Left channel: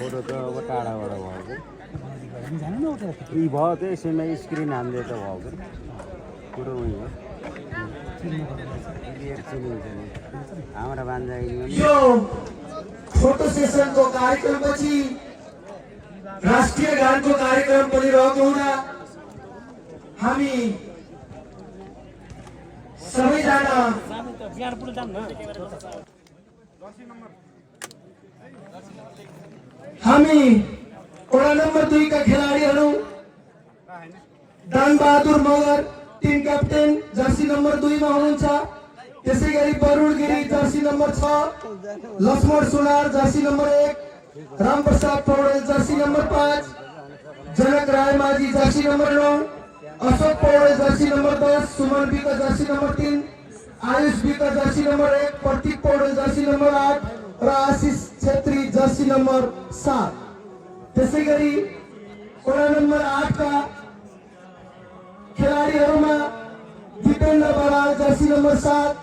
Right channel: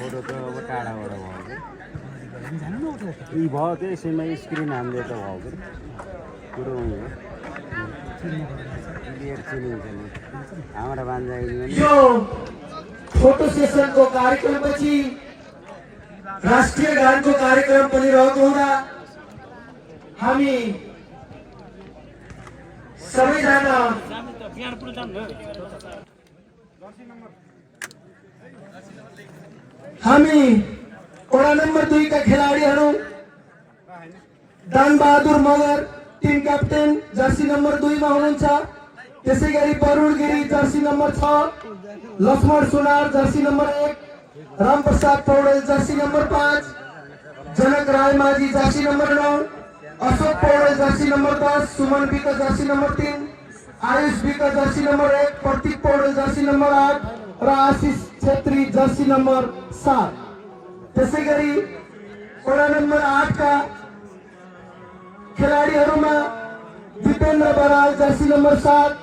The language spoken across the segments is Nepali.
फोटो त अब टाढाबाट भयो कि यी भयो त्यो यसैमा स्क्रिन हान्दै त भयो कि कुरो उही हो क्लियर चिनिन्छ नि हाम्रो बान्जा यो फोटो सेसनको कार्यक्रमपछि राष्ट्रिय गानको कार्यक्रम पनि रहेको हुँदा हामी सबैजना हामी वडा नम्बर 2 का खेलाडीहरू Danbahadur Magar team captain jersey number 2 मा हुनुहुन्छ। त्यसैगरी Varun Giri jersey number 6, Laxman Sunar jersey number 1, Ramprasad Paudel jersey number 5, Janak Raimajhi jersey number 9, Ashok Paudel jersey number 10, Suman BK jersey number 3, Ayush BK jersey number 1, Pratik Paudel jersey number 8 र आशिष छेत्री जर्सी नम्बर 7। त्यसैगरी वडा नम्बर 8 का खेलाडीहरूमा दिपेन्द्र बराल जर्सी नम्बर 7,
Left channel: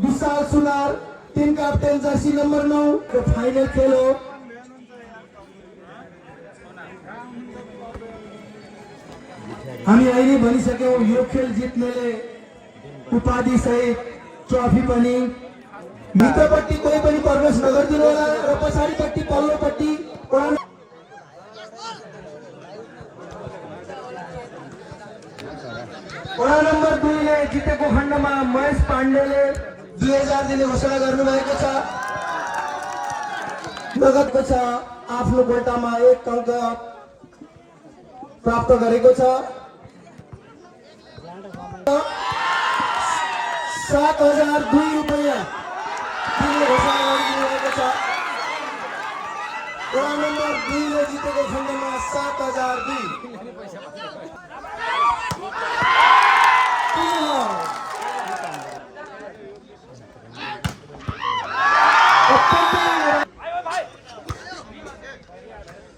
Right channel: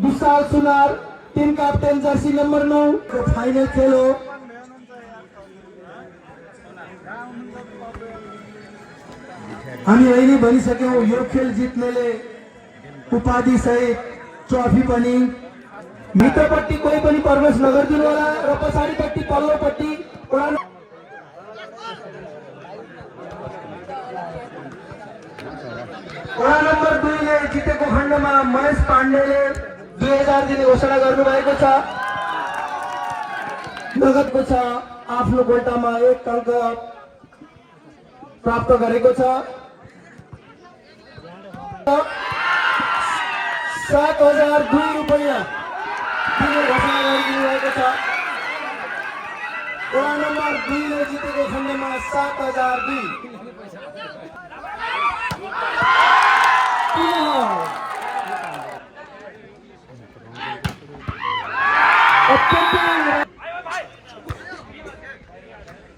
विशाल सुनार टिम क्याप्टेन जर्सी नम्बर 9 को फाइनल खेल हो। हामी अहिले भनिसक्यौं यो खेल जित्नेले उपाधि सहित ट्रफी पनि मित्रपट्टि कोही पनि प्रवेश नगरिदिनु होला र पछाडिपट्टि पल्लोपट्टि वडा नम्बर 2 ले जितेको खण्डमा महेश पाण्डेले 2000 दिने घोषणा गर्नुभएको छ। नगदको छ आफ्नो गोटामा 1 अङ्क प्राप्त गरेको छ। 7002 रुपैयाँ दिने घोषणा गरिदिनुभएको छ। वडा नम्बर 2 ले जितेको खण्डमा 7002।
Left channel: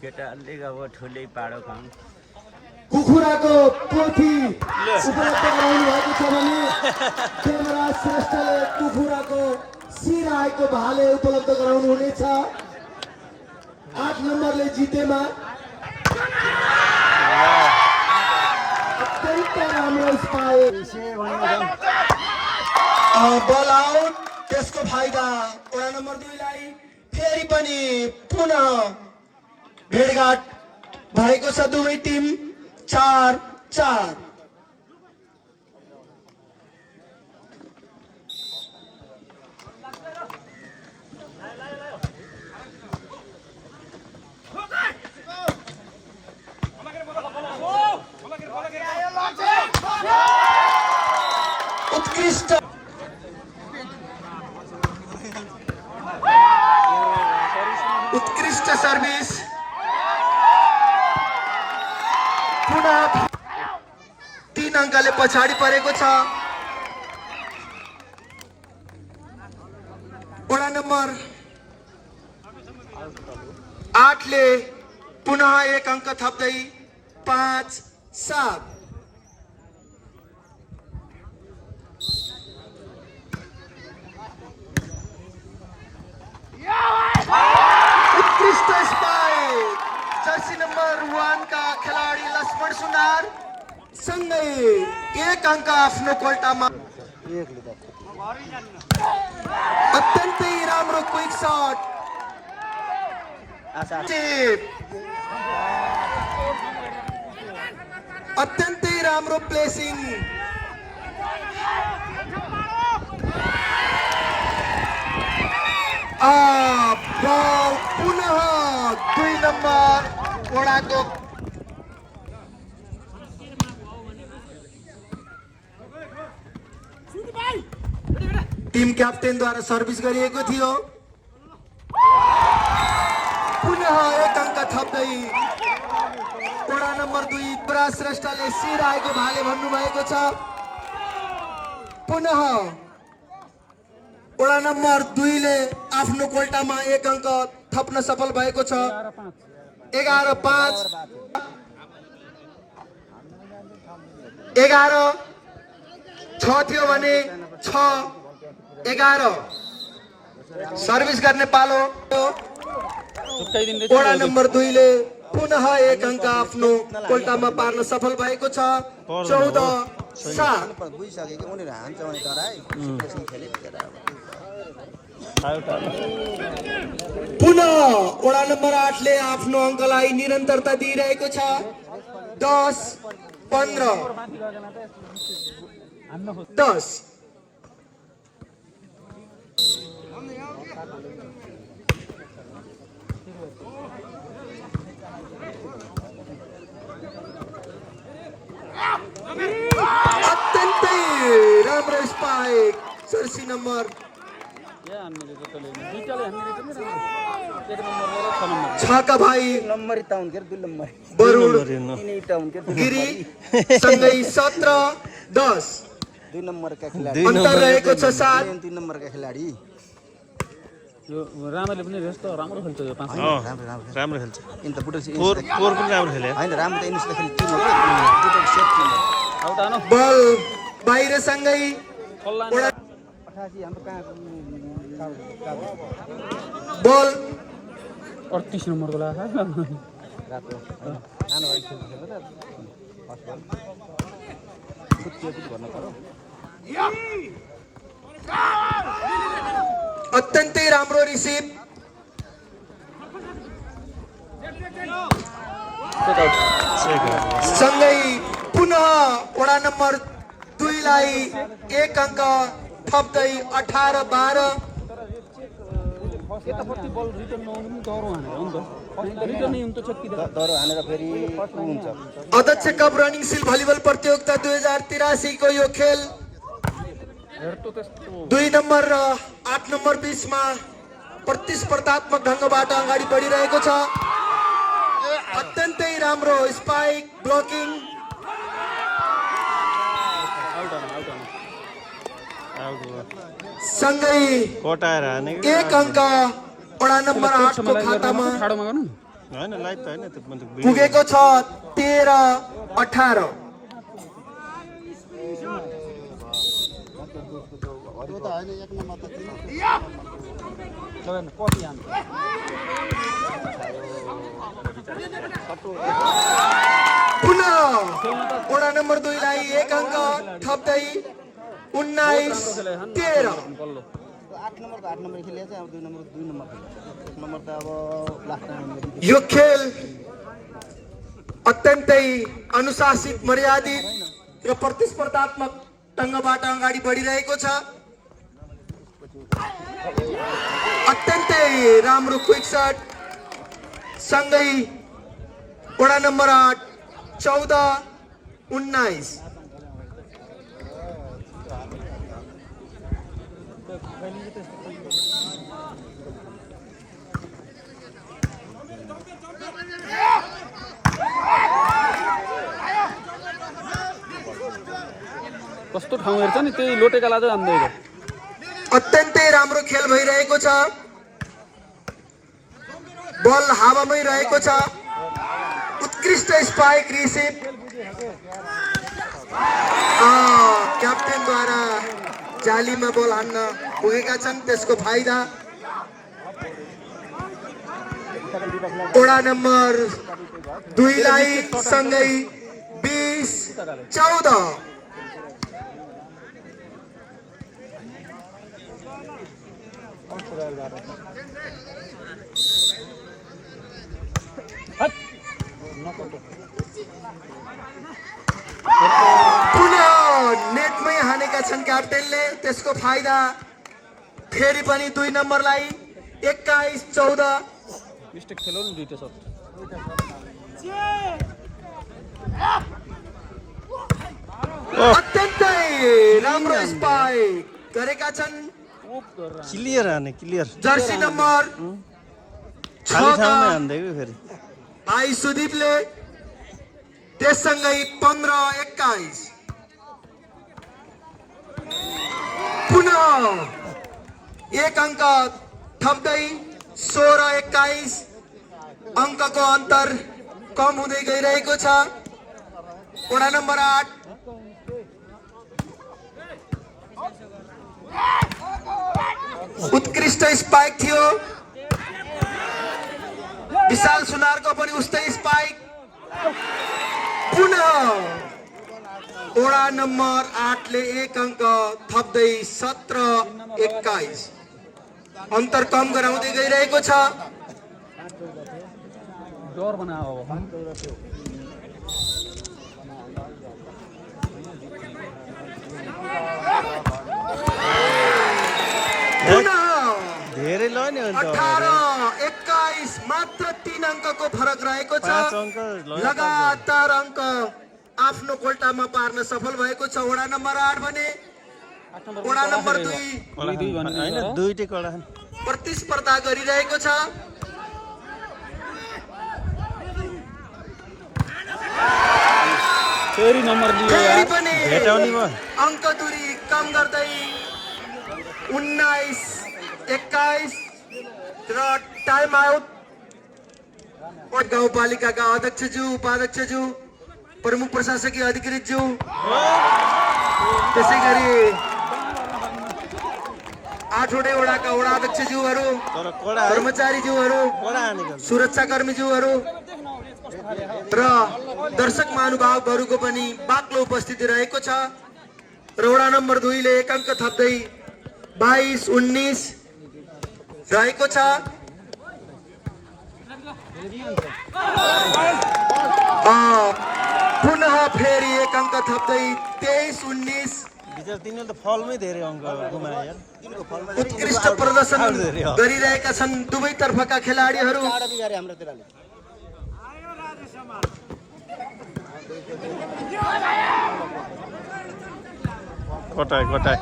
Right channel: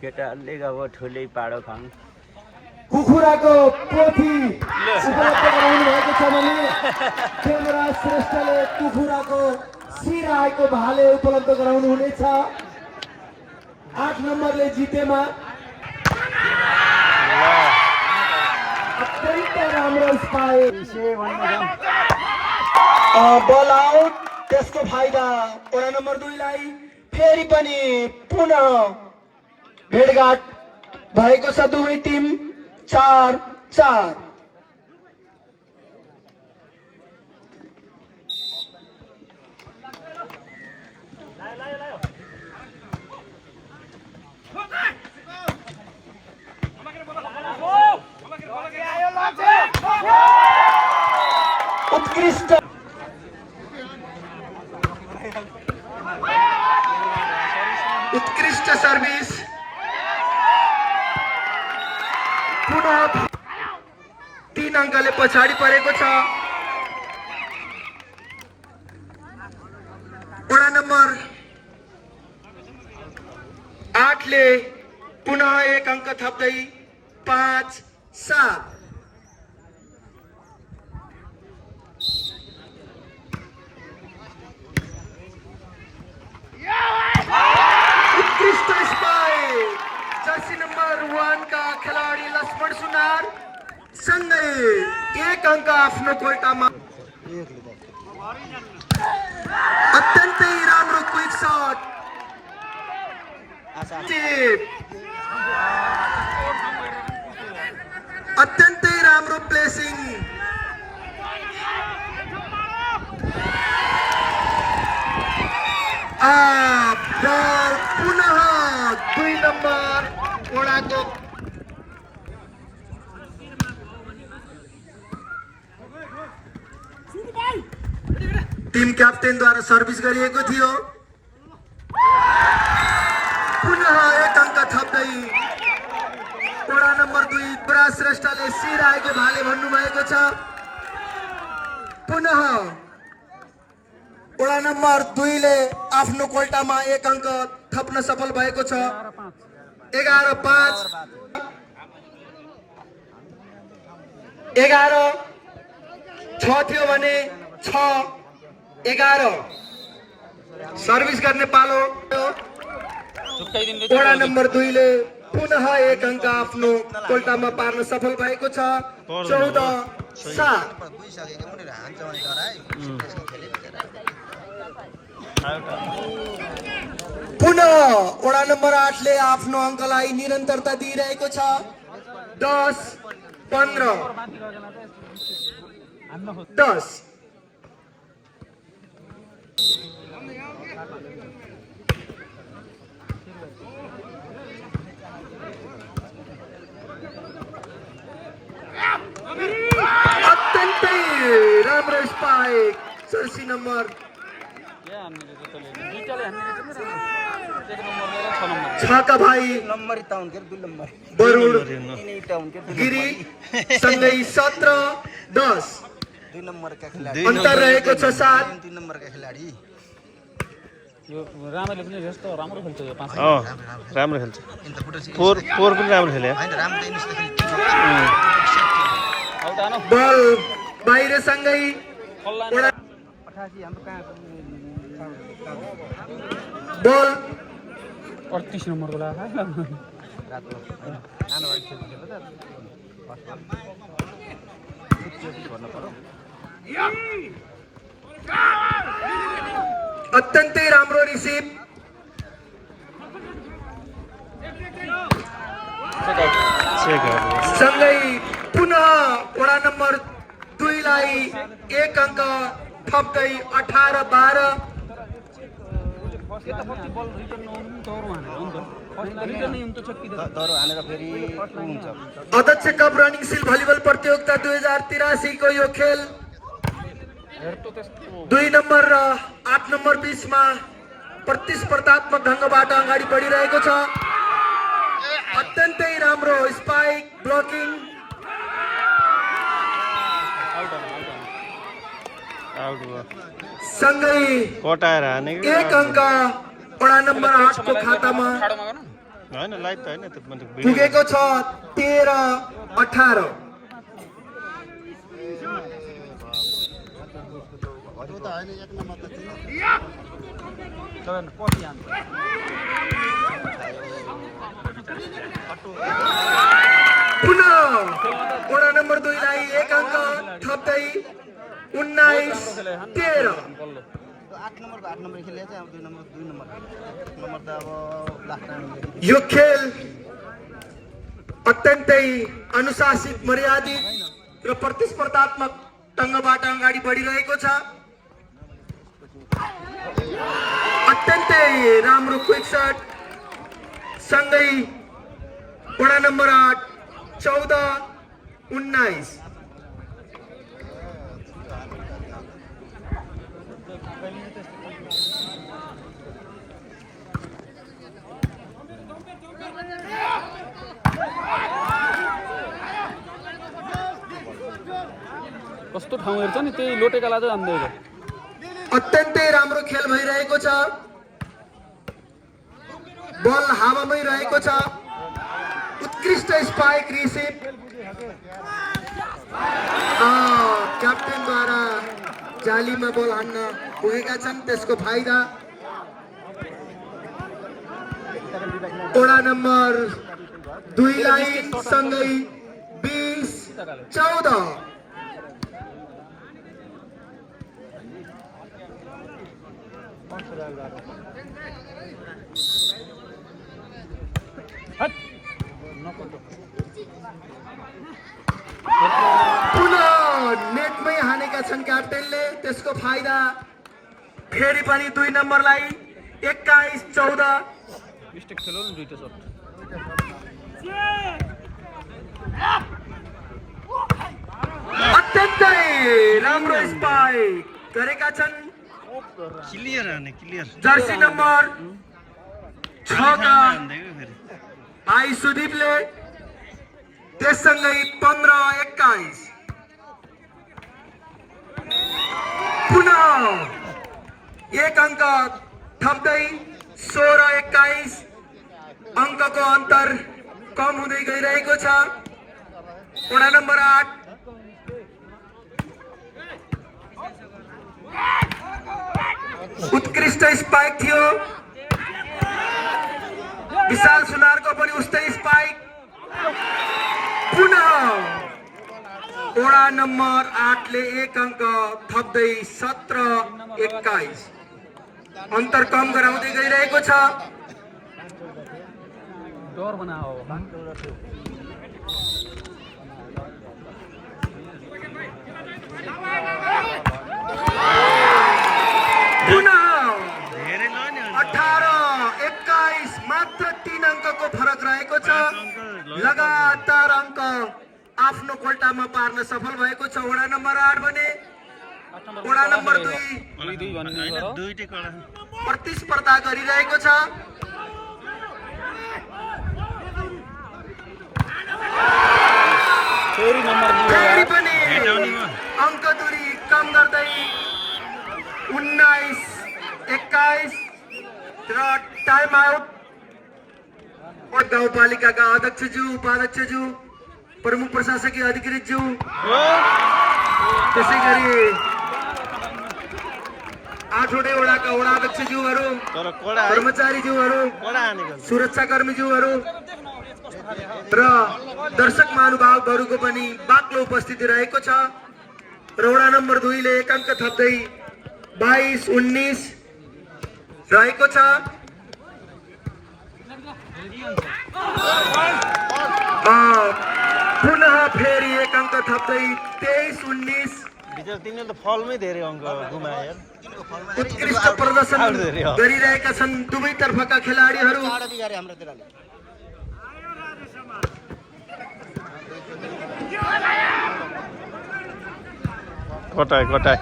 केटाहरूले अब ठुलै पाडो खाउँ कुखुराको पोथी उपलब्ध गराउनु भएको छ भने केन्द्र श्रेष्ठले कुखुराको शिर आएको भाले उपलब्ध गराउनु हुनेछ। 8 नम्बरले जितेमा अत्यन्त राम्रो स्पाइक बल आउट। त्यसको फाइदा वडा नम्बर 2 लाई फेरि पनि पुनः भेटघाट भएको छ। दुवै टिम 4-4। उत्कृष्ट सर्भिस पुनः 3 अङ्कले पछाडि परेको छ। वडा नम्बर 8 ले पुनः 1 अङ्क थप्दै 5-7। उत्कृष्ट स्पाइक जर्सी नम्बर 1 का खेलाडी लक्ष्मण सुनार सँगै 1 अङ्क आफ्नो कोल्टामा। अत्यन्तै राम्रो क्विक शट अत्यन्तै राम्रो प्लेसिङ। बल पुनः 2 नम्बर वडाको टिम क्याप्टेनद्वारा सर्भिस गरिएको थियो। पुनः 1 अङ्क थप्दै वडा नम्बर 2 पराज श्रेष्ठले शिर आएको भाले भन्नुभएको छ। पुनः वडा नम्बर 2 ले आफ्नो कोल्टामा 1 अङ्क थप्न सफल भएको छ। 11-5 11-6 थियो भने 6-11 सर्भिस गर्ने पालो। वडा नम्बर 2 ले पुनः एक अङ्क आफ्नो कोल्टामा पार्न सफल भएको छ 14-7। पुनः वडा नम्बर 8 ले आफ्नो अङ्कलाई निरन्तरता दिइरहेको छ 10-15। 10। अत्यन्तै राम्रो स्पाइक जर्सी नम्बर 6 का भाइ बरुण गिरी सँगै 17-10 अन्तर रहेको छ 7। राम्रो खेल्छ यो 5 राम्रो खेल्छ फोर पनि राम्रो खेल्यो बल बाहिर सँगै बल 38 नम्बरको लाग्यो अत्यन्तै राम्रो रिसिभ सँगै पुनः वडा नम्बर 2 लाई एक अङ्क थप्दै 18-12। अध्यक्ष कप रनिङ सिल भलिबल प्रतियोगिता 2083 को यो खेल 2 नम्बर र 8 नम्बर बीचमा प्रतिस्पर्धात्मक ढङ्गबाट अगाडि बढिरहेको छ। अत्यन्तै राम्रो स्पाइक ब्लकिङ सँगै कटाएर हाने एक अङ्क वडा नम्बर 8 को खातामा होइन लाइभ त होइन पुगेको छ 13-18। पुनः वडा नम्बर 2 लाई एक अङ्क थप्दै 19-13। यो खेल अत्यन्तै अनुशासित मर्यादित र प्रतिस्पर्धात्मक ढङ्गबाट अगाडि बढिरहेको छ। अत्यन्तै राम्रो क्विक शट सँगै वडा नम्बर 8 14-19। कस्तो ठाउँ हेर्छ नि त्यही लोटेका लाँदै जाँदै अत्यन्तै राम्रो खेल भइरहेको छ। बल हावामै रहेको छ। उत्कृष्ट स्पाइक रिसिभ क्याप्टेनद्वारा जालीमा बल हान्न पुगेका छन् त्यसको फाइदा वडा नम्बर 2 लाई सँगै 20-14। पुनः नेटमै हानेका छन् क्याप्टेनले त्यसको फाइदा फेरि पनि 2 नम्बरलाई 21-14। मिस्टेक खेल्यो नि दुईटा शट अत्यन्तै राम्रो स्पाइक गरेका छन् क्लियर हाने क्लियर जर्सी नम्बर 6 का फेरि भाइ सुदीपले त्यससँगै 15-21। पुनः एक अङ्क थप्दै 16-21 अङ्कको अन्तर कम हुँदै गइरहेको छ। वडा नम्बर 8 उत्कृष्ट स्पाइक थियो विशाल सुनारको पनि उस्तै स्पाइक पुनः ओडा नम्बर 8 ले 1 अङ्क थप्दै 17-21 अन्तर कम गराउँदै गइरहेको छ। डर बनाओ धेरै ल नि अन्त 18-21 मात्र 3 अङ्कको फरक रहेको छ। 5 अङ्क लगातार अङ्क आफ्नो कोल्टामा पार्न सफल भएको छ वडा नम्बर 8 भने वडा नम्बर 2 हैन दुईटै कडा प्रतिस्पर्धा गरिरहेको छ। फेरि नम्बर फेरि पनि भेटाउने भयो अङ्क दूरी कम गर्दै 19-21 र टाइम आउट। गाउँपालिकाका अध्यक्षज्यू उपाध्यक्षज्यू प्रमुख प्रशासकीय अधिकृतज्यू त्यसै गरी 8वटै वडाका वडा अध्यक्षज्यूहरू तर कडा है कर्मचारीज्यूहरू कडा हानेको सुरक्षाकर्मीज्यूहरू र दर्शक महानुभावहरूको पनि बाक्लो उपस्थिति रहेको छ। र वडा नम्बर 2 ले 1 अङ्क थप्दै 22-19 रहेको छ। पुनः फेरि 1 अङ्क थप्दै 23-19 विचार तिनीले त फलमै धेरै अङ्क गुमाए यार उत्कृष्ट प्रदर्शन गरिरहेका छन् दुवै तर्फका खेलाडीहरू। कटाए कटाए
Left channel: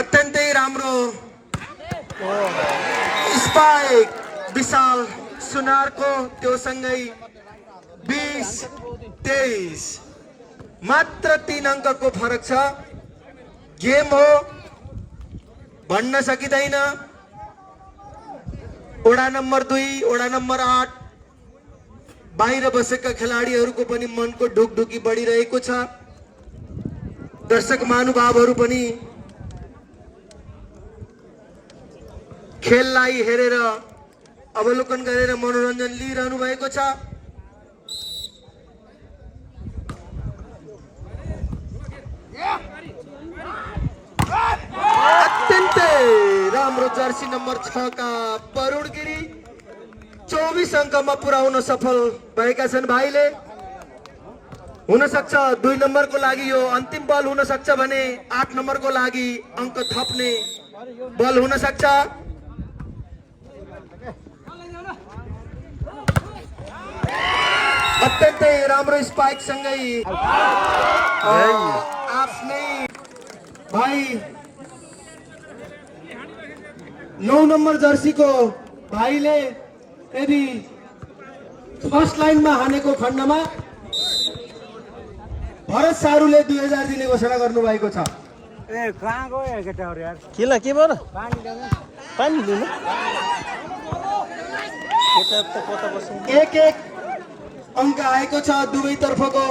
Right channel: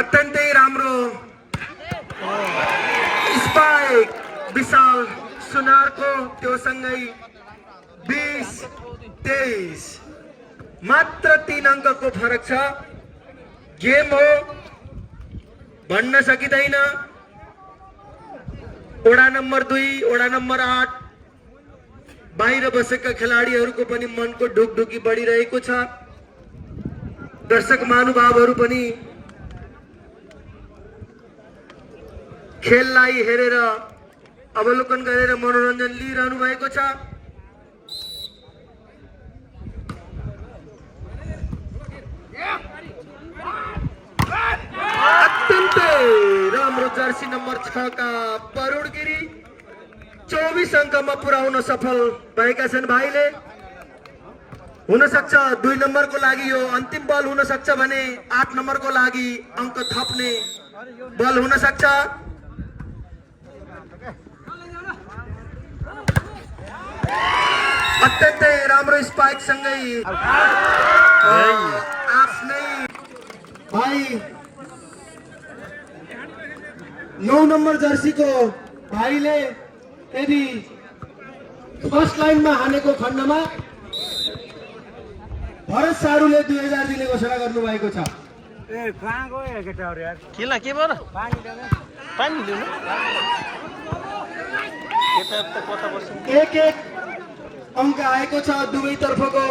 अत्यन्तै राम्रो स्पाइक विशाल सुनारको त्यो सँगै 20-23 मात्र 3 अङ्कको फरक छ। गेम हो भन्न सकिँदैन। वडा नम्बर 2 वडा नम्बर 8 बाहिर बसेका खेलाडीहरूको पनि मनको ढुकढुकी बढिरहेको छ। दर्शक महानुभावहरू पनि खेललाई हेरेर अवलोकन गरेर मनोरञ्जन लिइरहनु भएको छ। अत्यन्तै राम्रो जर्सी नम्बर 6 का परुण गिरी 24 अङ्कमा पुर्याउन सफल भएका छन् भाइले। हुन सक्छ 2 नम्बरको लागि यो अन्तिम बल हुन सक्छ भने 8 नम्बरको लागि अङ्क थप्ने बल हुन सक्छ। अत्यन्तै राम्रो स्पाइक सँगै आफ्नै भाइ 9 नम्बर जर्सीको भाइले यदि फर्स्ट लाइनमा हानेको खण्डमा भरत सारूले 2000 दिने घोषणा गर्नुभएको छ। किन के भयो पानी दिनु कता बस्नु 1-1 अङ्क आएको छ दुवै तर्फको।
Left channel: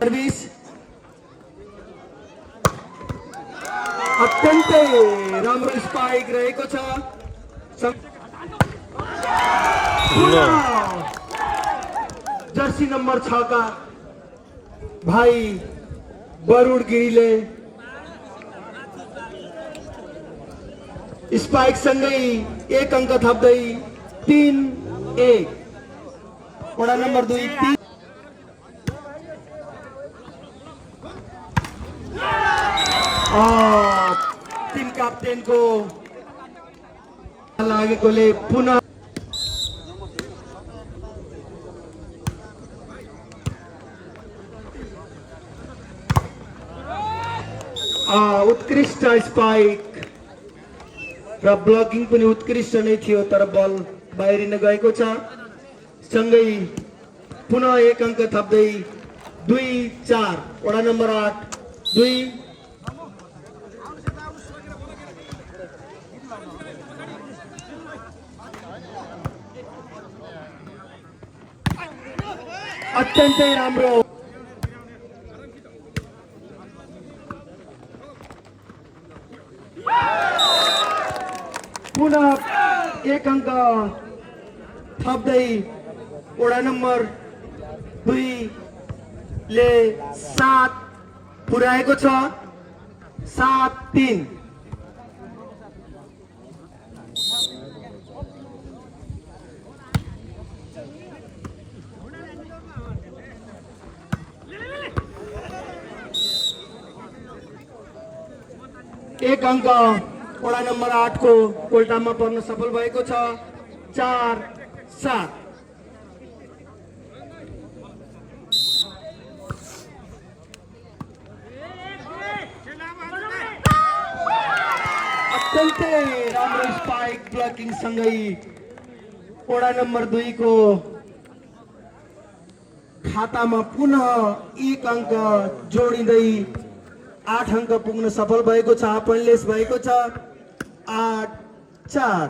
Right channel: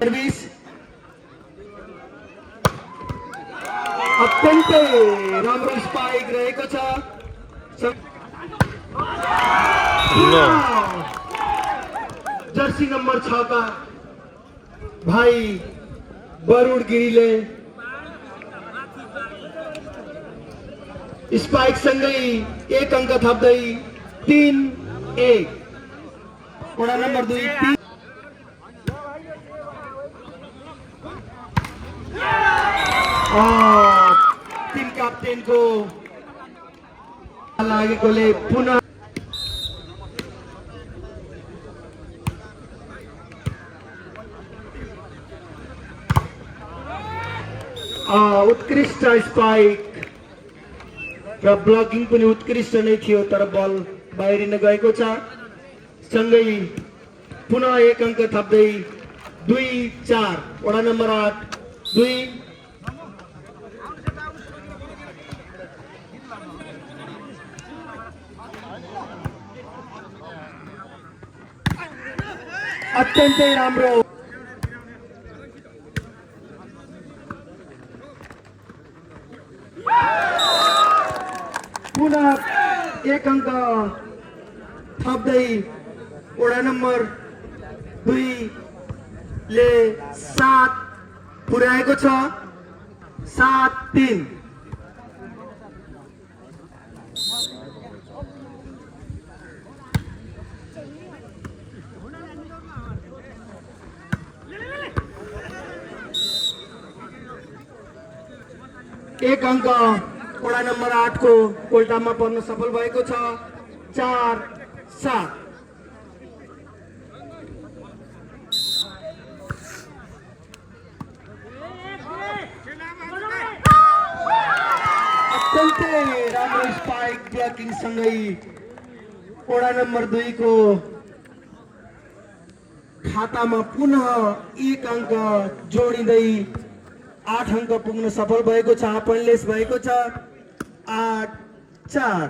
सर्भिस अत्यन्तै राम्रो स्पाइक रहेको छ। जर्सी नम्बर 6 का भाइ वरुण गिरीले स्पाइक सँगै 1 अङ्क थप्दै 3-1 वडा नम्बर 2 टिम क्याप्टेनको लागेकोले पुनः उत्कृष्ट स्पाइक र ब्लकिङ पनि उत्कृष्ट नै थियो तर बल बाहिरिन गएको छ। सँगै पुनः 1 अङ्क थप्दै 2-4 वडा नम्बर 8 2 अत्यन्तै राम्रो पुनः 1 अङ्क थप्दै वडा नम्बर 2 ले 7 पुर्याएको छ 7-3। एक अंक वडा नम्बर 8 को कोल्टामा पर्न सफल भएको छ 4-7। अत्यन्तै राम्रो स्पाइक ब्लकिङ सँगै वडा नम्बर 2 को खातामा पुनः 1 अंक जोडिँदै 8 अंक पुग्न सफल भएको छ। पॉइन्टलेस भएको छ 8-4।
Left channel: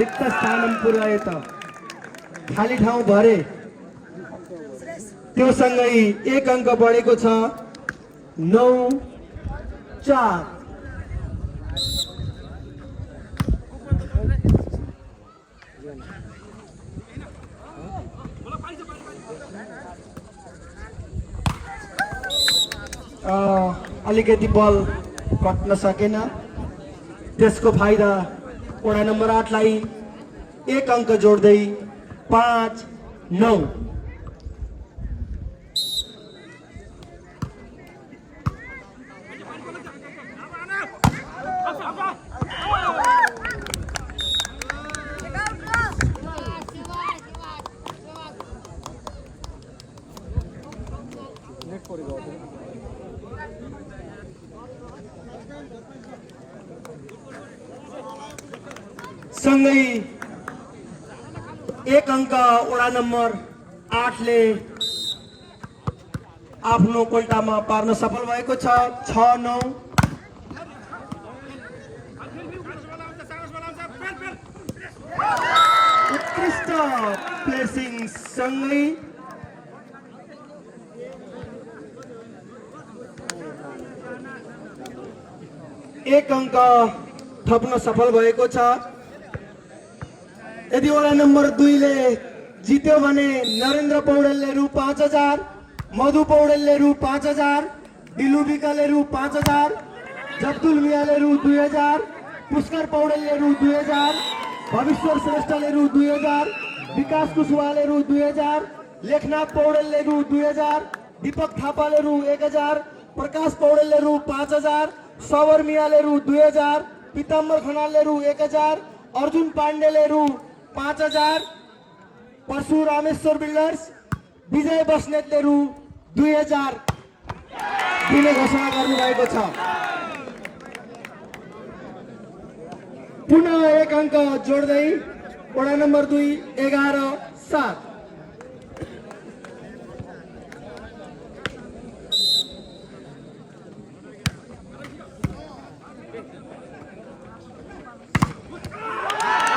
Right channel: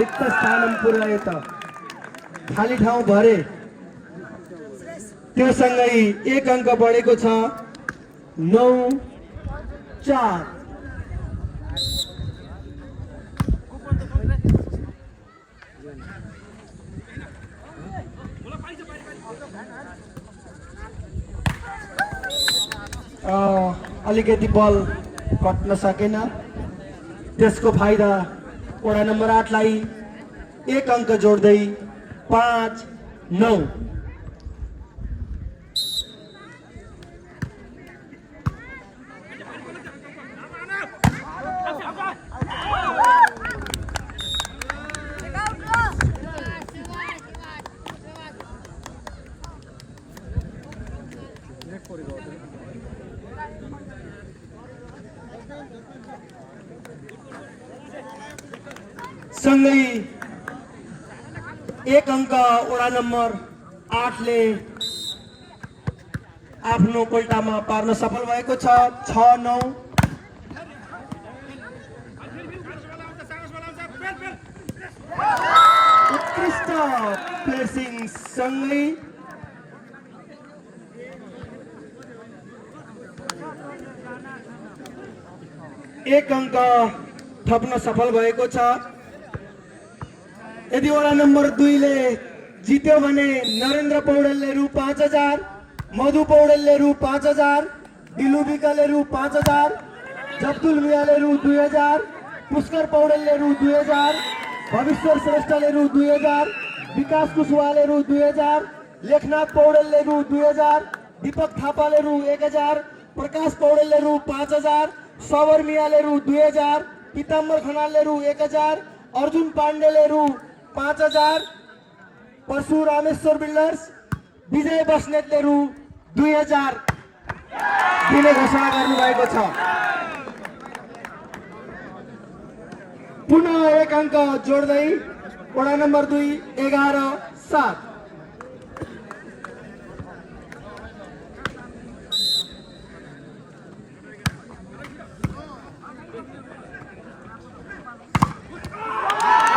रिक्त स्थान पुर्याए त खाली ठाउँ भरे त्यो सँगै 1 अंक बढेको छ 9-4। अलिकति बल कट्न सकेन, त्यसको फाइदा वडा नम्बर 8 लाई 1 अंक जोड्दै 5-9। सँगै 1 अंक वडा नम्बर 8 ले आफ्नो कोल्टामा पार्न सफल भएको छ 6-9। उत्कृष्ट प्लेसिङ सँगै 1 अंक थप्न सफल भएको छ। यदि वडा नम्बर 2 ले जित्यो भने नरेन्द्र पौडेलले रु 5000, मधु पौडेलले रु 5000, दिलु विकले रु 5000, जब्दुल मियाले रु 2000, पुष्कर पौडेलले रु 2000, भविश्वर श्रेष्ठले रु 2000, विकास कुशवाहाले रु 2000, लेखनाथ पौडेलले रु 2000, दीपक थापाले रु 1000, प्रकाश पौडेलले रु 5000, सवर मियाले रु 2000, पीताम्बर खनालले रु 1000, अर्जुन पाण्डेले रु 5000, परशु रामेश्वर बिल्डर्स विजय बस्नेतले रु 2000 दिने घोषणा गर्नुभएको छ। पुनः 1 अंक जोड्दै वडा नम्बर 2 11-7।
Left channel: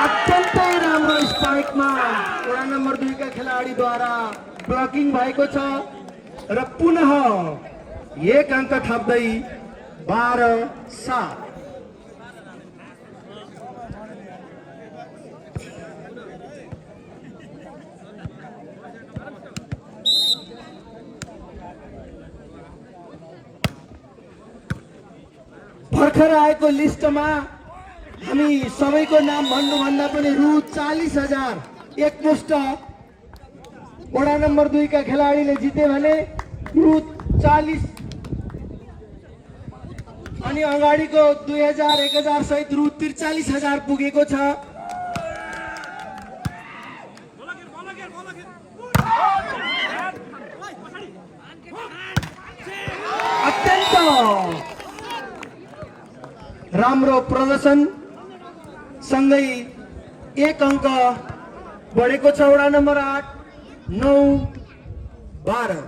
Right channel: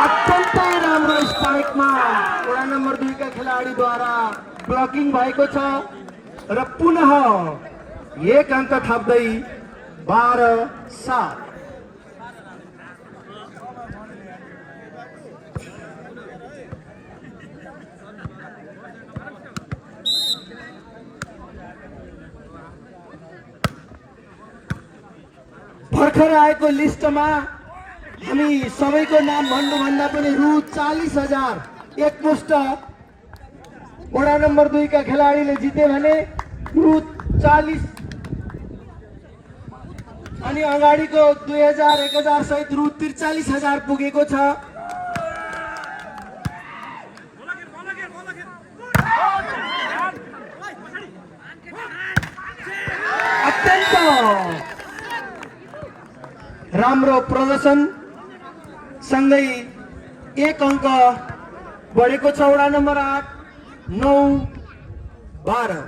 अत्यन्तै राम्रो स्पाइकमा वडा नम्बर 2 का खेलाडीद्वारा ब्लकिङ भएको छ र पुनः 1 अंक थप्दै 12-7। भर्खर आएको लिस्टमा हामी सबैको नाम भन्नुभन्दा पनि रु 40,000 एकमुष्ट वडा नम्बर 2 का खेलाडीले जिते भने रु 40 अनि अगाडिको 2000 1000 सहित रु 43,000 पुगेको छ। अत्यन्त राम्रो प्रदर्शन सँगै 1 अंक बढेको छ वडा नम्बर 8 9 12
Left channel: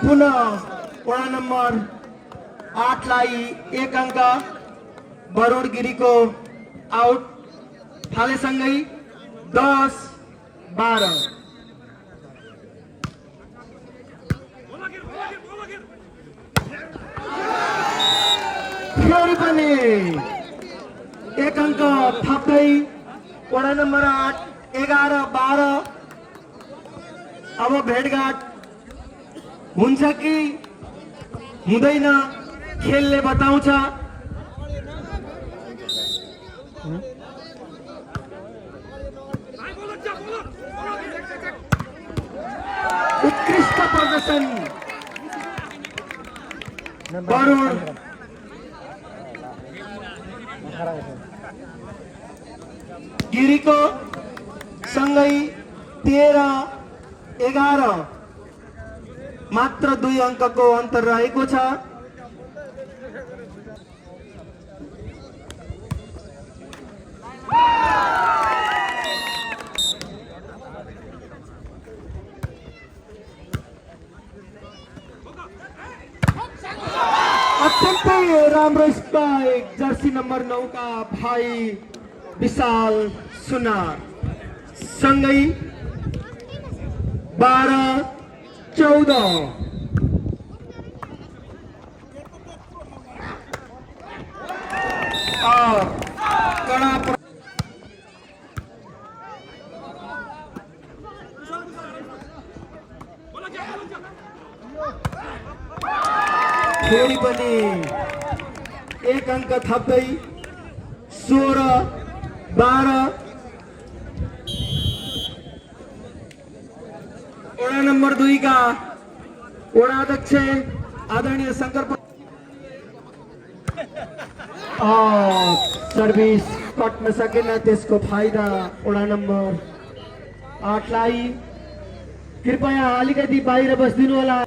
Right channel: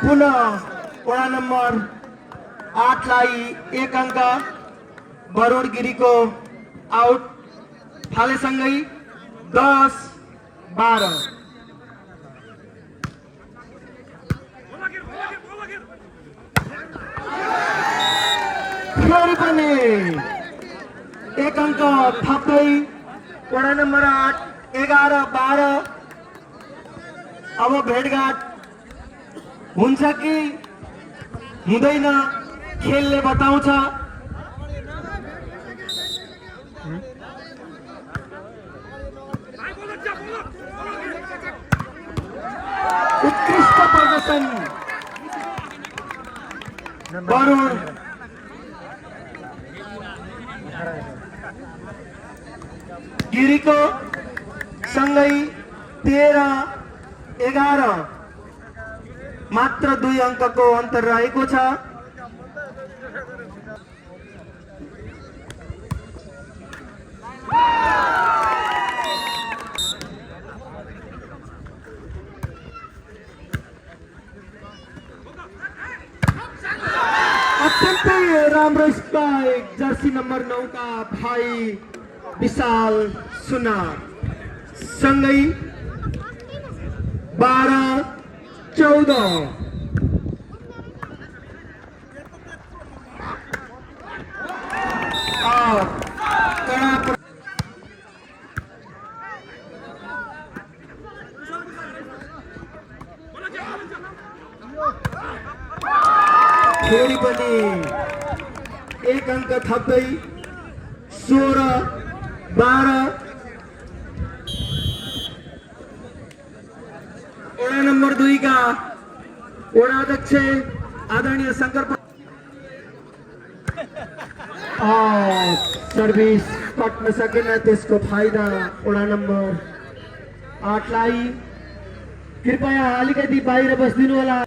पुनः वडा नम्बर 8 लाई 1 अंक बरुण गिरीको आउट थालेसँगै 10 12 फेरि पनि 1 अंक थप्दै वडा नम्बर 8 11 12 अब भेटघाट हुन्छ कि हुँदैन खेलले बताउँछ उत्कृष्ट प्रदर्शन वरुण गिरीको सँगै 13 11 मात्र 2 अंकको अन्तर रहेको छ अत्यन्तै राम्रो स्पाइक जर्सी नम्बर 9 का भाइ विशाल सुनार सँगै 12 14 कडा फेरि पनि 1 अंक थप्दै 16 12 वडा नम्बर 2 का वडा अध्यक्ष आदरणीय शंकर सर्भिस कट्न सकेन त्यसको फाइदा वडा नम्बर 8 लाई कृपया अलिकति बाहिर बस्दिनु होला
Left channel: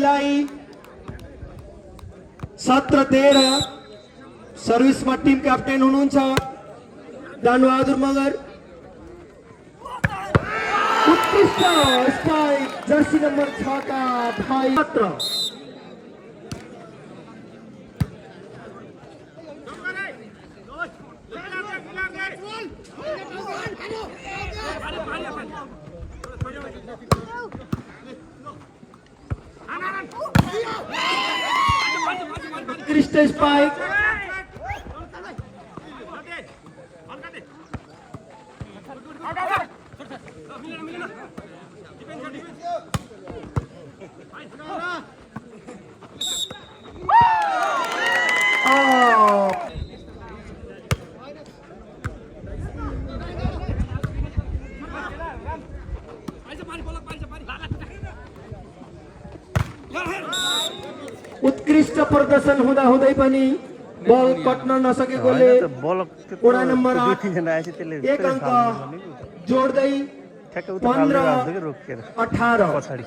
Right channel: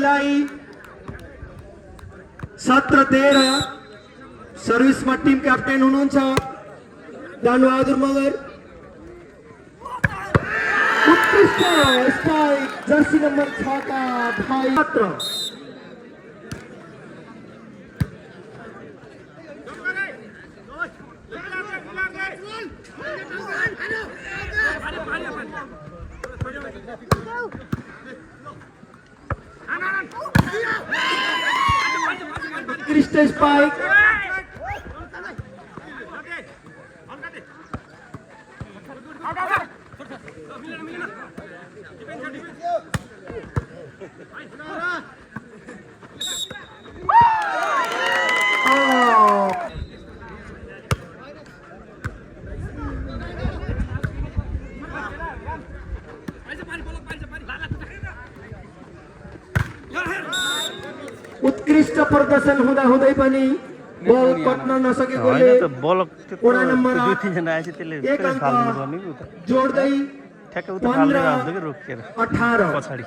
लाई 17-13 सर्भिसमा टिम क्याप्टेन हुनुहुन्छ दानबहादुर मगर उत्कृष्ट स्ट्राइक जर्सी नम्बर 6 का भाइ मात्र उत्कृष्ट स्पाइक उत्कृष्ट प्रदर्शन हुँदा हुँदै पनि बल कट्न नसकेकोले वडा नम्बर 1 अंक जोड्दै 15-18 पछाडि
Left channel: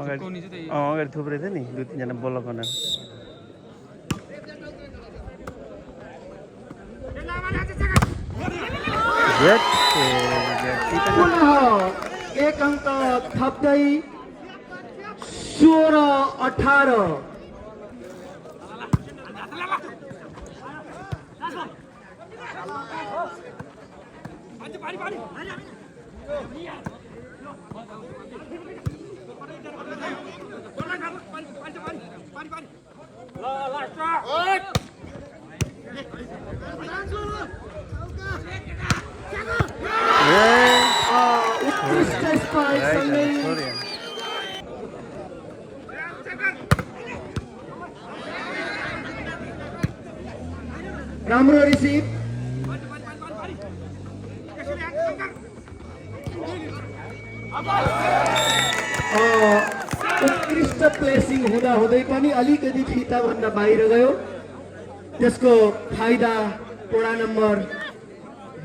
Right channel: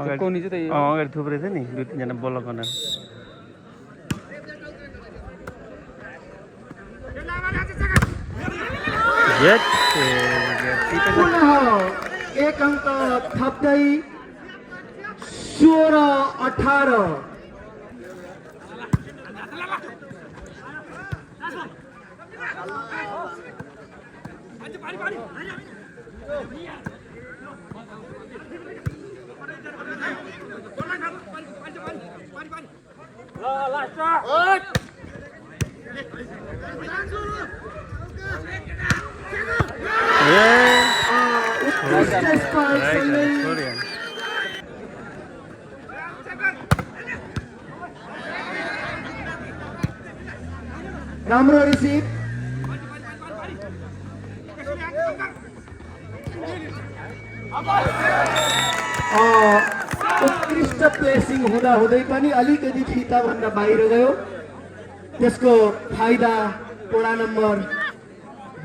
अगाडि थुप्रै थियो नि 2-3 जना बल गर्न पुनः 1 अंक थप्दै 16-18 उत्कृष्ट स्पाइक राम्रो रिसिभ उत्कृष्ट प्लेसिङ हुँदा हुँदै पनि अलिकति फिताभन्दा बाहिर गयो। त्यसको फाइदा वडा नम्बर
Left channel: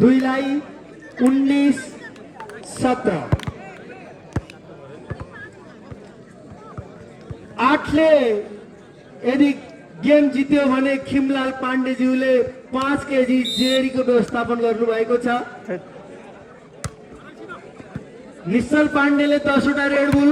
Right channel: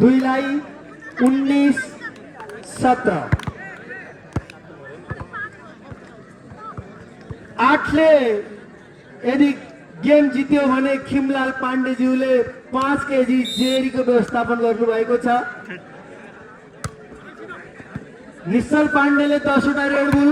2 लाई 19-17। 8 ले यदि गेम जित्यो भने खिमलाल पाण्डेज्यूले 5 केजी जेरीको व्यवस्थापन गर्नुभएको छ। निश्चल पाण्डेले 10 वटा रेड बुल,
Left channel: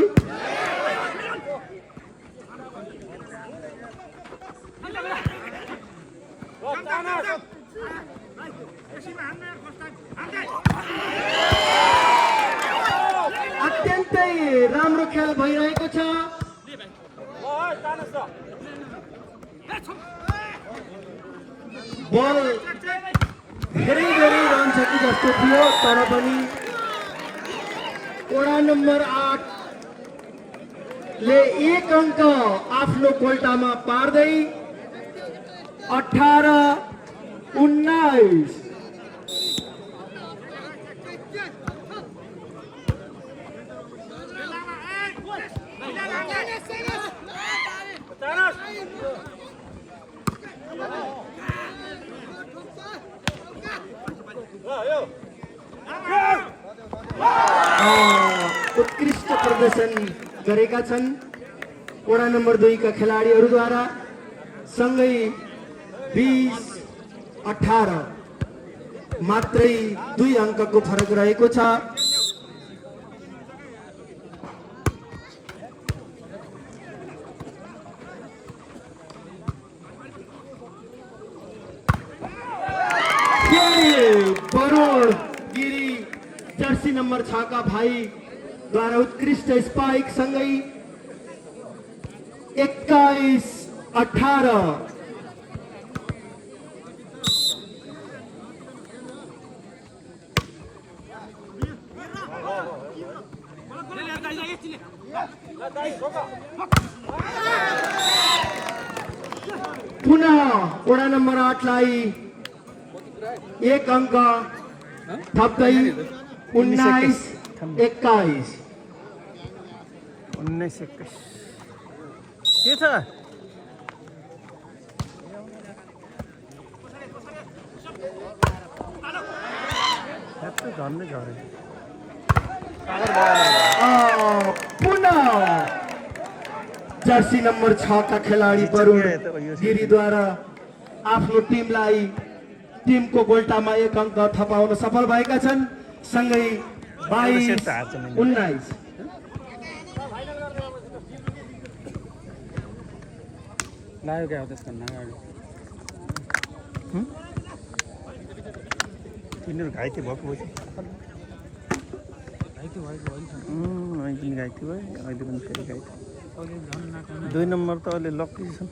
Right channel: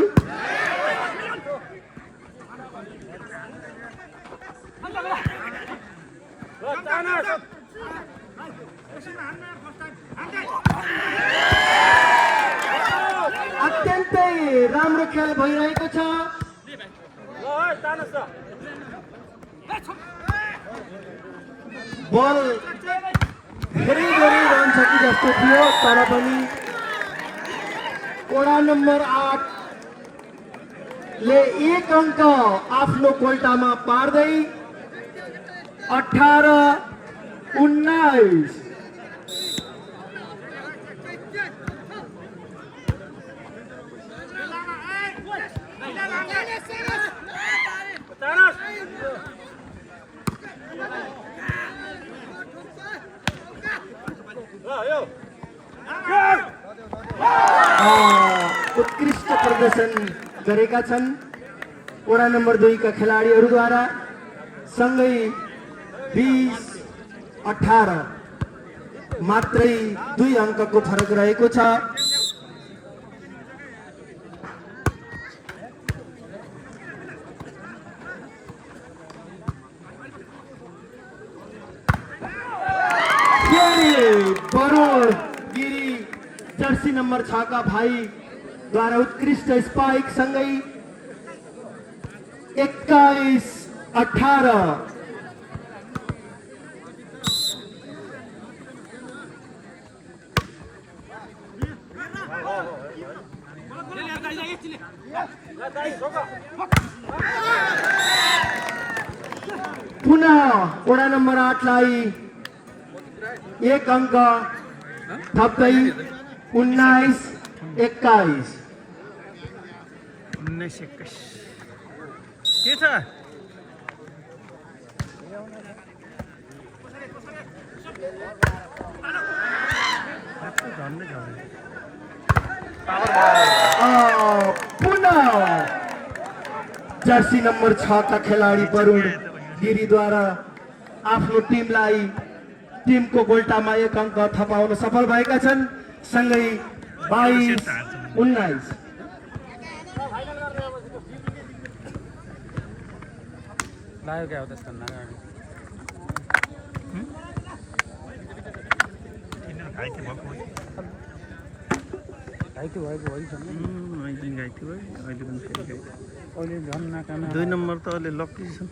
अत्यन्तै राम्रो खेल भइरहेको छ। बल धेरै रहन्छ कि जस्तो थियो, तर पनि वडा नम्बर 8 ले 1 अङ्क आफ्नो कोल्टामा पार्दै 18-19। उत्कृष्ट प्रदर्शन गरेका छन् वडा नम्बर 2 का खेलाडीहरूद्वारा। सँगै 20-18 मात्रै 2 अङ्कको फरक रहेको छ। वरुण गिरी जर्सी नंबर 6 का भाई द्वारा उत्कृष्ट स्पाइक सँगै 21-18। पुनः वडा नम्बर 8 लाई 1 अङ्क थप्दै 19-21। 19-21 के छ? पुनः जर्सी नंबर 6 का खिलाड़ी वरुण गिरी द्वारा आफ्नो टिमको गोल्टामा 1 अङ्क थपाउन सफल भएका छन्। सँगै 22-19। दुई नम्बर त अलि लक्की छन्।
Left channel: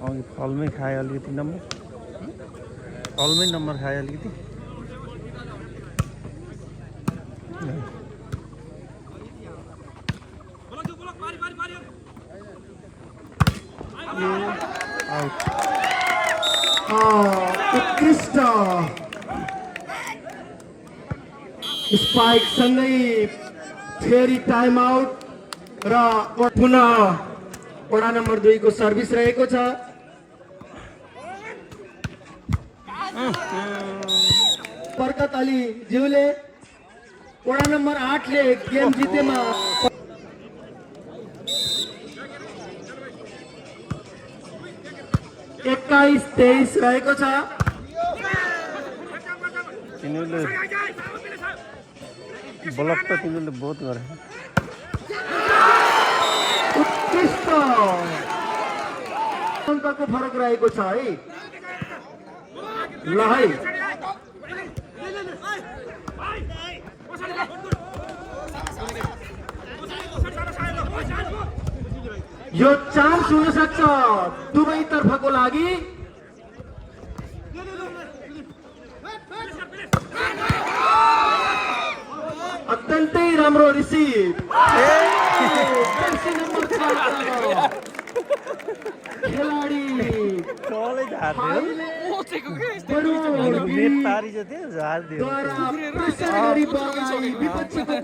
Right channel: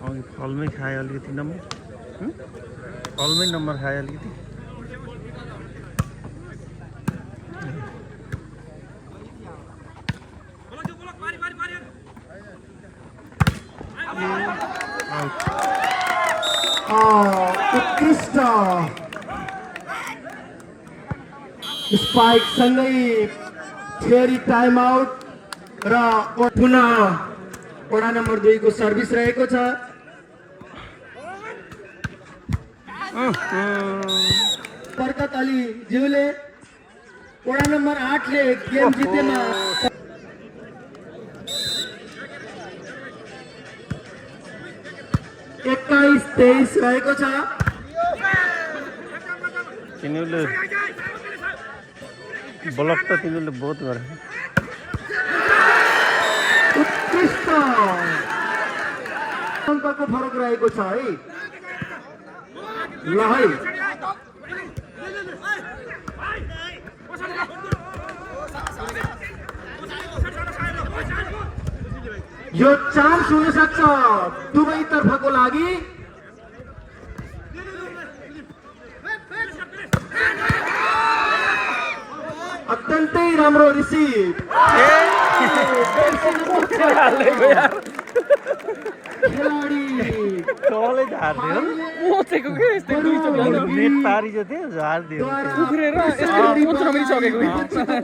अघि फलमै खाए अलिकति नम्बर, फलमै नम्बर खाए अलिकति। उत्कृष्ट स्पाइक सँगै फेरि टाइम आउट र पुनः वडा नम्बर 2 को सर्भिस रहेको छ। बरकत अली ज्यूले वडा नम्बर 8 ले गेम जितेमा 21-23 रहेको छ। तिनीहरूले ब्लक त तिनीहरूले बहुत गरे। उत्कृष्ट अङ्कको फरक रहेको छ है। ल है यो चान्स हुन सक्छ दुवै तर्फको लागि। अत्यन्तै राम्रो रिसिभ। जर्सी नंबर 6 खिलाडी तलै झार्दियो मोचेको के यस्तै नेट पारी जति झार्दियो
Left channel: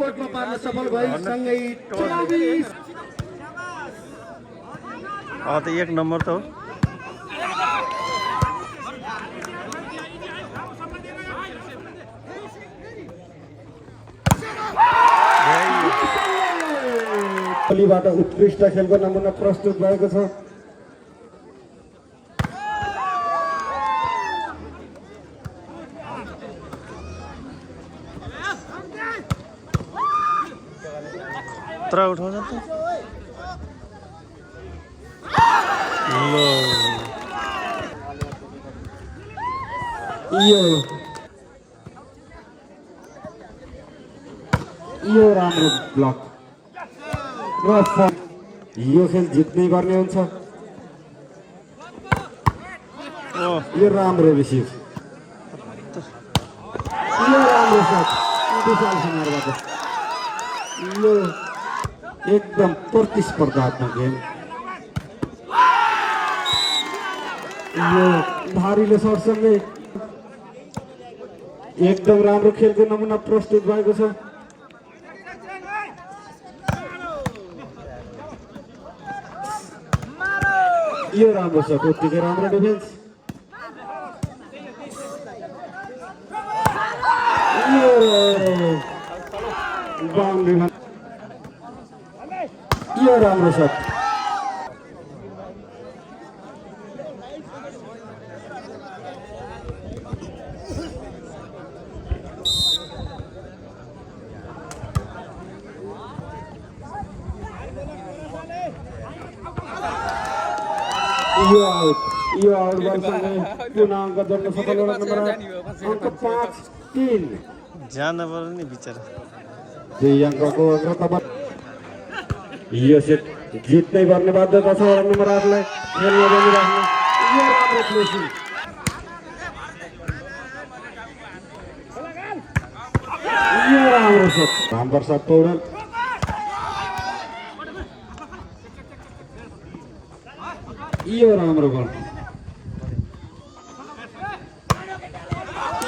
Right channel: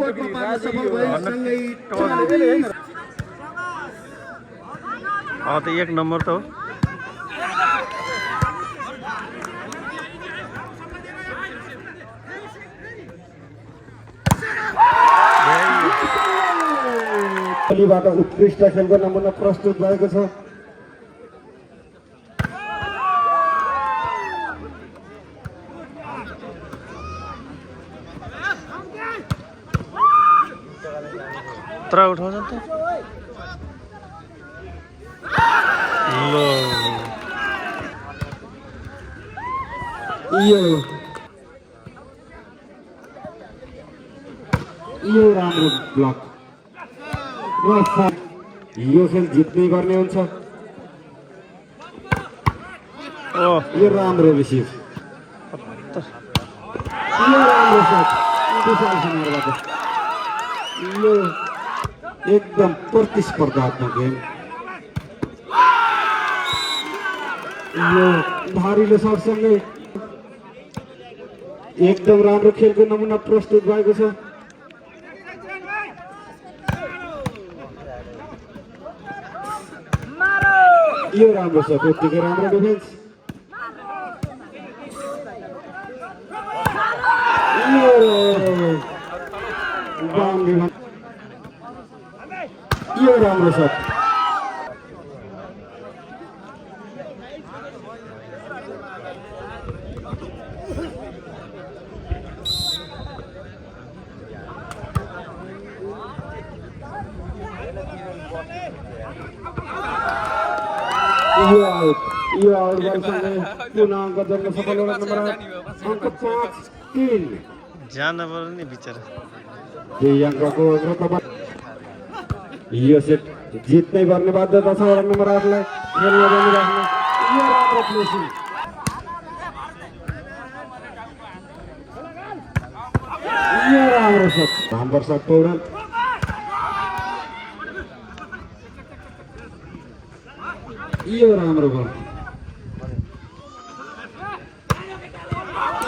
कोर्टमा पार्न सफल भए सँगै 24 त 1 नम्बर त हो टोलीबाट उत्कृष्ट खेलको नमुना प्रस्तुत भएको छ तर उठाउँछ त यो राम्रो ब्लक र यो खेल जित्ने गर्ने हुन्छ यो राम्रो रिसिभ यो राम्रो सट विशाल कुमारबाट यो एकदम प्रतिस्पर्धात्मक गेम यो धारिलो सटसँगै एकदम राम्रो खेलको नमुना प्रस्तुत भएको छ यो राम्रो छ उत्तिकै राम्रो डिफेन्स यो राम्रो सट यो आउट बलसँगै पुनः अङ्क जोड्न सफल वडा नम्बर 8 अङ्क 5-3 जान पर्यो नि बिचरा यही अङ्कको अग्रता यो सेट जित्नै पर्ने बाध्यता छ वडा नम्बर 8 लाई खेल्न बनिराख्न यो राम्रो प्लेसिङ यो राम्रो सट नम्बर 7 पौडेल यो राम्रो गोल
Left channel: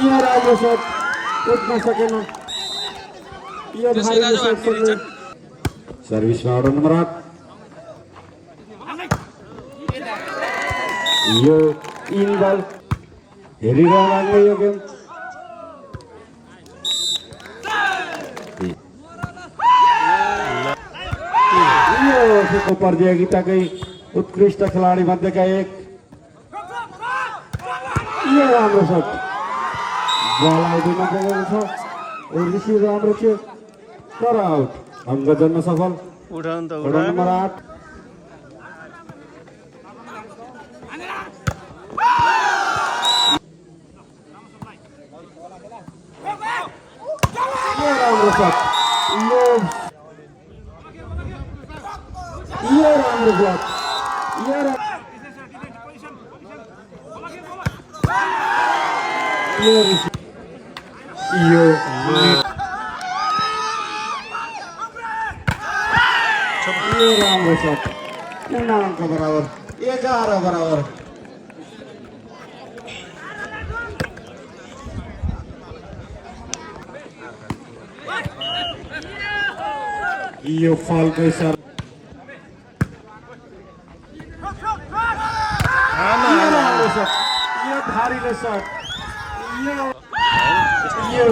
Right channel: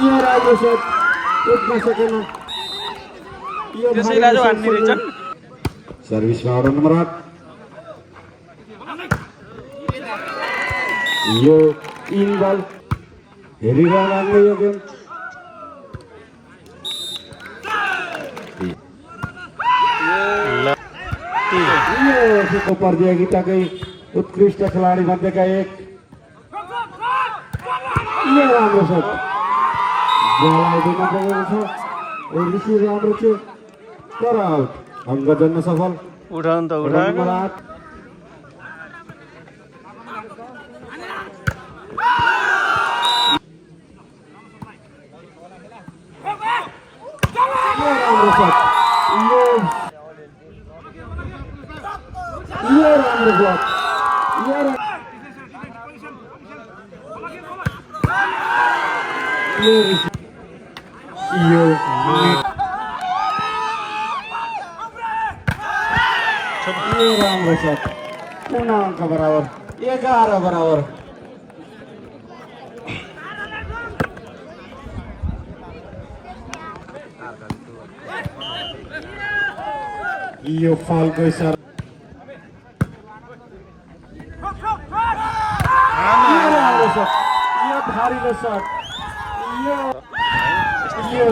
यो राम्रो सट उठ्न सकेन यो सर्भिसमा वडा नम्बर 8 यो इन बल हेरिरहनु यो गेम यो प्रतियोगिताकै उत्कृष्ट खेलाडी मध्येका एक यो राम्रो सट बल आउँदैन पुगेको छ रिसिभ राम्रो थियो तर आउट अङ्क जोड्न सफल उठाउनु त वडा उठाएन नम्बर 8 यो राम्रो सट यो राम्रो ब्लक यो राम्रो सट पुनः अङ्क बराबर 11 बराबर यो फालको इशारा राम्रो सट यो धारिलो सट यो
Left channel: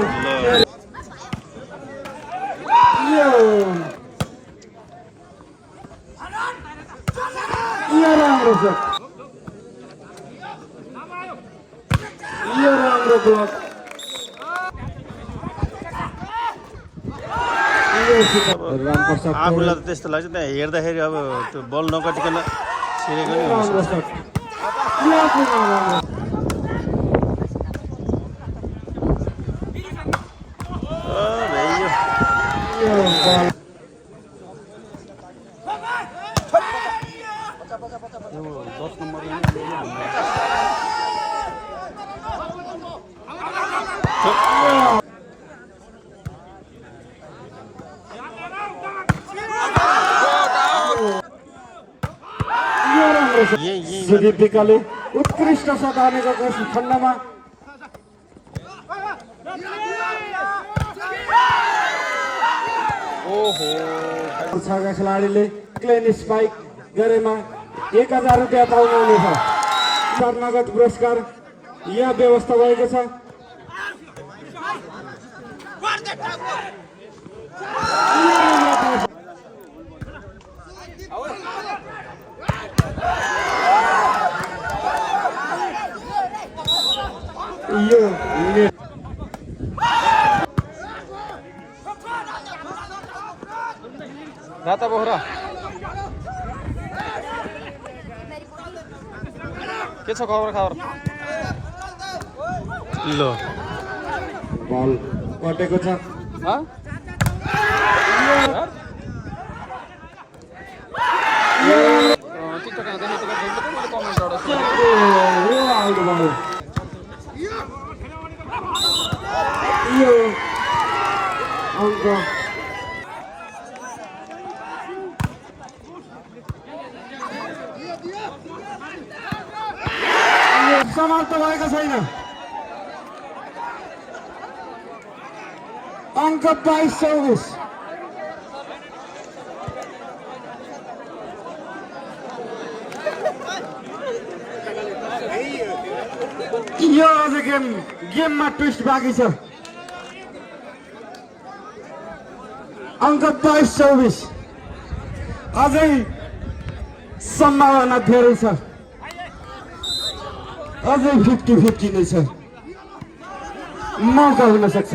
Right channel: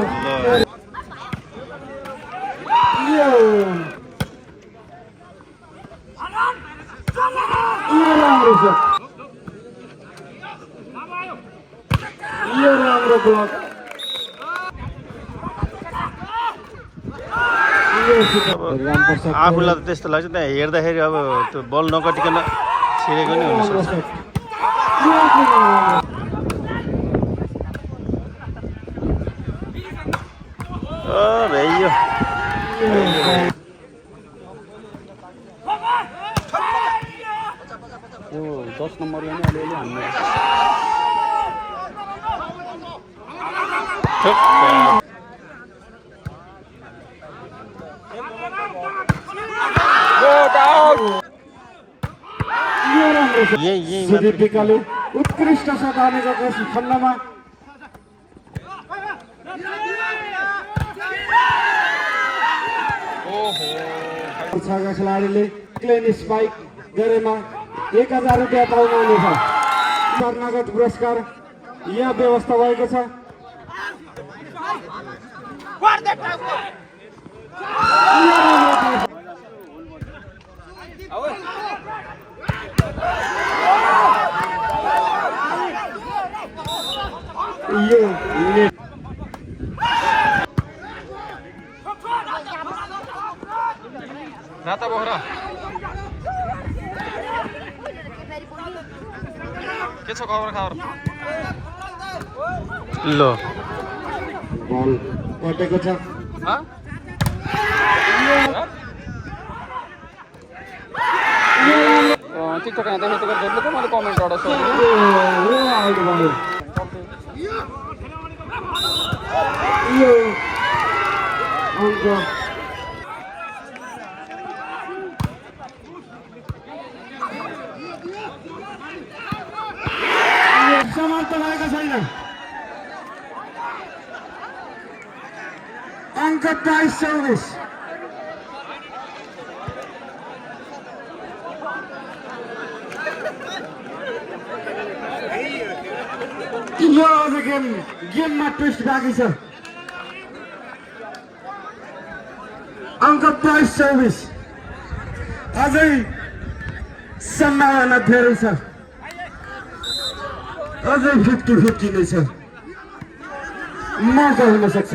राम्रो सट यो राम्रो ब्लक आफूलाई त त्यस्तो लाग्छ त्यहाँ हेर्दाखेरि अब त्यो बल नकटिकन छिरेको नि हुन्छ भ्याइयो 10 नम्बर यो राम्रो छ यही सुदीप विकले उत्कृष्ट शट हानेको खण्डमा छका खेलाडीले क्लेन स्पाइक गरेमा 1000 रुपियाँ पाउनुहुनेछ। नगद पुरस्कार यहाँ व्यवस्था भएको छ। यो नेट राता बोहरा के छ खबर खबर लो बल कटेको छ। हाँ टिकटक यहाँ जाने टिकट देख्नु त मैले कमेन्ट एउटा यो आउट भयो। यो अङ्क समाप्त भएको छैन। अङ्क 22-24। यो अझ गेममा ट्विस्ट बाँकी छ। अङ्क 22-24। अझै सम्भावना धेरै छ। अझै 50-50 नै छ। मौका हुन सक्छ।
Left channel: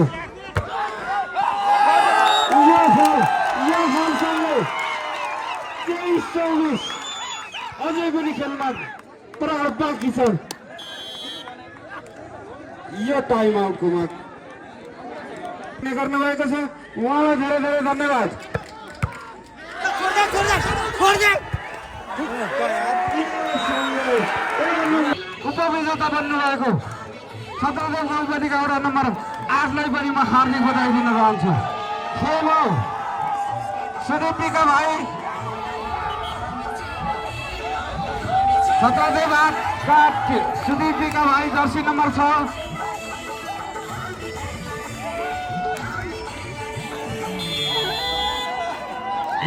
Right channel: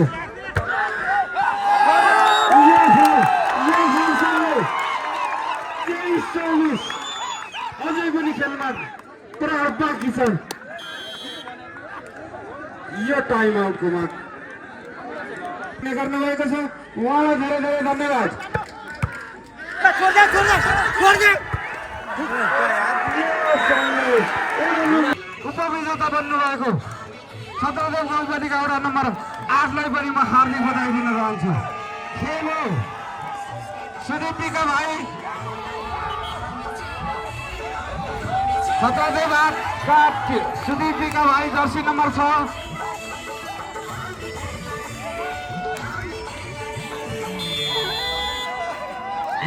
यो गोलसँगै 23-24। अझै पनि खेलमा प्रहार बाँकी छ। यो टाइम आउटको माग गर्नुभएको छ। उहाँलाई धेरै धेरै धन्यवाद। उपविजेता बन्नुभएको छत्रदेव गाउँपालिका वडा नम्बर 8लाई पनि म हार्दिक बधाई दिन चाहन्छु। खेल हो सुदीपका भाइ छत्रदेव 8 सुदीपका भाइ जर्सी नम्बर 6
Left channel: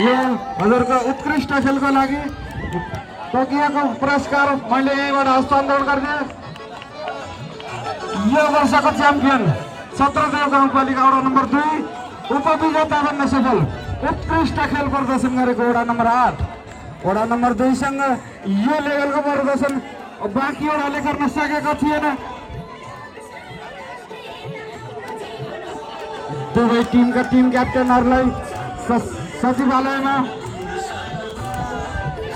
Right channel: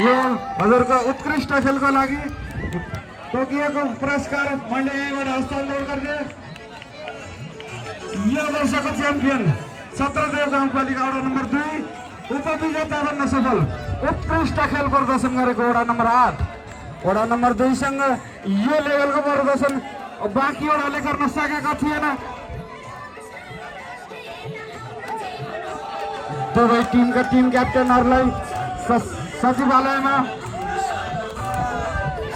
यो हजुरको उत्कृष्ट खेलको लागि तोकिएको पुरस्कार मैले यहीँबाट हस्तान्तरण गरिदिएँ। यो वर्षको च्याम्पियन छत्रदेव गाउँपालिका वडा नम्बर 2 उपविजेता बन्न सफल उत्कृष्ट खेल प्रदर्शन गरेको वडा नम्बर 8 वडा नम्बर 2 सँग यो लेभलको प्रदर्शन बाँकी वडाले गर्न सकेको थिएन। दुवै टिमका टिम क्याप्टेनहरूलाई सचिवालयमा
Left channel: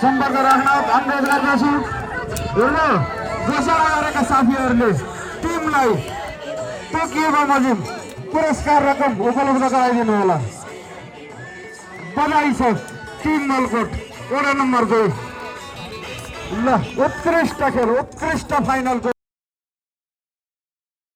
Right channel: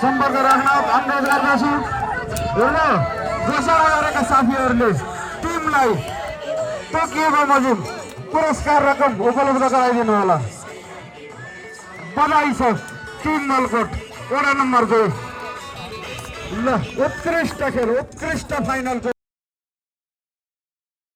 सम्पर्क राख्न अनुरोध गर्दछु र घोषणा गरेका साथीहरूले टिमलाई तोकिएको मजिम पुरस्कार रकम उपलब्ध गराइदिनु होला। बधाई छ टिम नलकोट वडा नम्बर 2। ल उत्कृष्ट खेल उत्कृष्ट फाइनलको